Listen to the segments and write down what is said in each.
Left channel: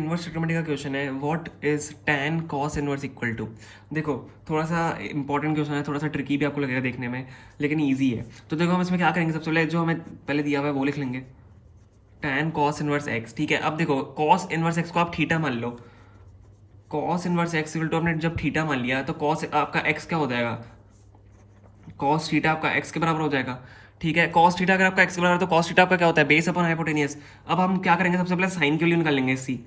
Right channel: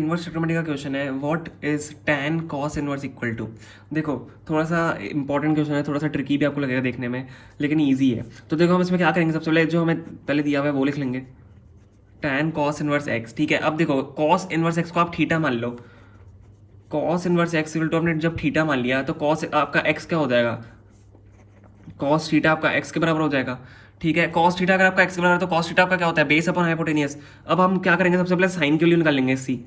Inverse trigonometry का question है, what is tan cos inverse equal to. देखो, थोड़ा सा इंपॉर्टेंट क्वेश्चन है, थोड़ा सा ट्रिकी भी आपको लगेगा देखने में, लेकिन ईजी है। तो देखो हम इसमें क्या करेंगे, सबसे पहले जो हमें पहले दिया हुआ है वो लिख लेंगे, tan cos इनवर्स x। ठीक है, अब देखो cos इनवर्स x को आप थीटा मान लो। cos inverse x equal to आपने जब थीटा मान लिया तो cos आपका x क्या हो जाएगा, cos थीटा आपका x के बराबर हो जाएगा। ठीक है, cos थीटा अगर आपका x के बराबर है तो cos थीटा आपका क्या होता है, बेस अपॉन हाइपोटेनियस। अब हम क्या करेंगे, सबसे पहले साइन की वैल्यू निकालेंगे इसकी।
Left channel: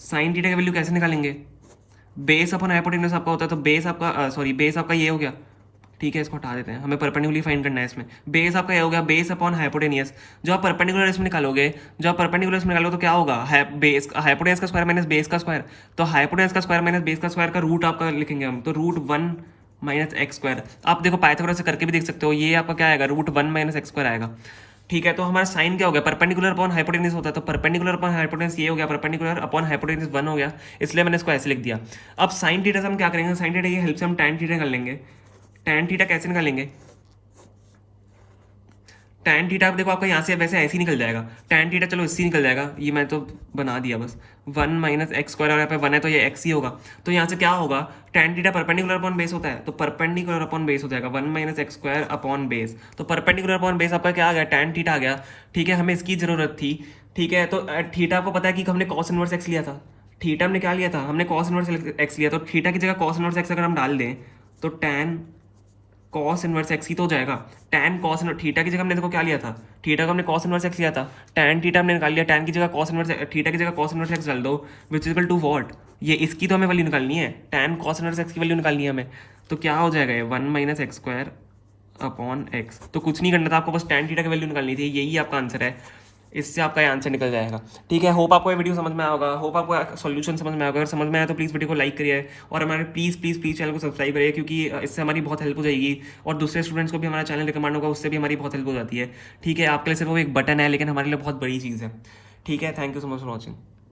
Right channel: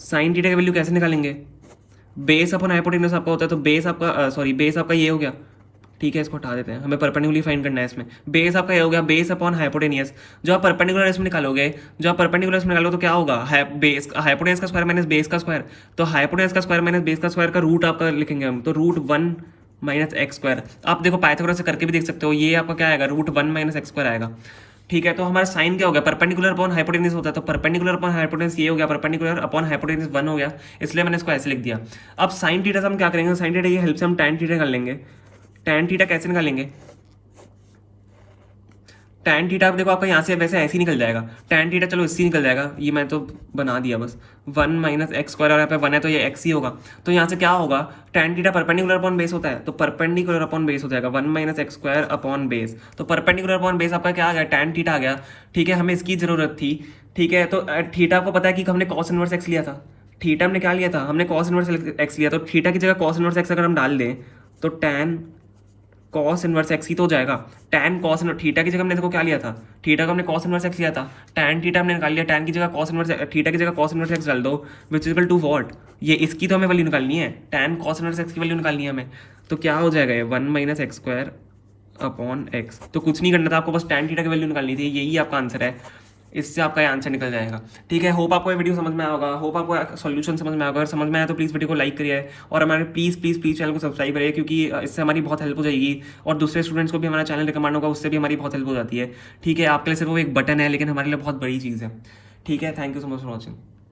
साइन थीटा की वैल्यू कैसे निकालेंगे, बेस अपॉन हाइपोटेन्यूज आपका होता है, तो बेस आपका सॉरी बेस आपका ये हो गया। ठीक है, इसको हटा देते हैं, हमें परपेंडिकुलरली फाइंड करना है इसमें। बेस आपका ये हो गया, बेस अपॉन हाइपोटेनियस। जो आप परपेंडिकुलर इसमें निकालोगे, जो आप परपेंडिकुलर इसमें निकालोगे तो क्या होगा, बेस हाइपोटेनियस का स्क्वायर माइनस बेस का स्क्वायर। तो हाइपोटेनियस का स्क्वायर माइनस बेस का स्क्वायर का रूट आपका लिखेंगे हम, तो रूट 1 माइनस एक्स स्क्वायर। आप देखो पाइथागोरस से करके भी देख सकते हो, ये आपका क्या आएगा, रूट 1 माइनस एक्स स्क्वायर आएगा। ठीक है, तो हमारा साइन क्या हो गया, परपेंडिकुलर अपॉन हाइपोटेन्यूज होता है, तो परपेंडिकुलर अपॉन हाइपोटेन्यूज ये हो गया, परपेंडिकुलर अपॉन हाइपोटेन्यूज 1 हो गया, इसलिए मैंने इसको ऐसे लिख दिया। अब साइन थीटा से हम क्या करेंगे, साइन थीटा की हेल्प से हम tan थीटा निकाल लेंगे। tan थीटा कैसे निकालेंगे, tan थीटा देखो आपका यहाँ से वैसे ऐसे ही निकल जाएगा, tan थीटा चलो इससे निकल जाएगा, ये मैं तो बना दिया बस, 1 माइनस एक्स स्क्वायर, और यहाँ पे 1 है तो ये x ही होगा। तो यहाँ से क्या होगा, tan theta perpendicular upon base होता है, तो परपेंडिकुलर अपॉन बेस हो जाएगा 1 minus x square upon base. तो परपेंडिकुलर अपॉन बेस आपका क्या आ गया, tan थीटा आ गया। ठीक है, हमें इसकी जरूरत थी। ठीक है, तो थीटा आपको पता है कि हमने cos इनवर्स x लिया था। थीटा हमने क्या लिया था, हमने cos इनवर्स x लिया, तो थीटा की जगह cos इनवर्स x अगर हम डाल दें तो tan कॉस इनवर्स एक्स ही तो हो जाएगा। टैन कॉस इनवर्स थीटा की जगह हमने देखो क्या लिया था, थीटा को हमने कॉस इनवर्स एक्स लिया था, टैन थीटा हमने निकाल लिया, टैन की जगह कॉस इनवर्स थीटा की जगह कॉस इनवर्स एक्स डाल दो, विच इक्वल टू व्हाट, ये इसकी तो हमें वैल्यू निकालनी है, टैन कॉस इनवर्स एक्स की वैल्यू निकालनी है हमें। तो क्या हो जाएगा ये 1 minus x square upon x. तो कुछ नहीं करना था आपको, बस टैन थीटा की वैल्यू निकालनी थी, यही आपका आंसर है, इससे आपका ये आंसर निकल जाएगा। ठीक है, होप आपको ये वीडियो समझ में आया होगा, होप आपको सॉल्यूशन समझ में आएगा। अगर समझ में आया तो प्लीज़ वीडियो को लाइक करिए, और हमारे प्लीज़ चैनल को सब्सक्राइब करिए, क्योंकि इससे हमारी बहुत हेल्प हो जाएगी, और दूसरे स्टूडेंट्स को भी हमारा चैनल रिकमेंड होगा, उससे भी हमारी बहुत हेल्प हो जाती है। ठीक है, आपके लिए सिर्फ वो एक बटन है, लेकिन हमारे लिए बहुत बड़ी चीज़ है। ठीक है, thank you so much for watching.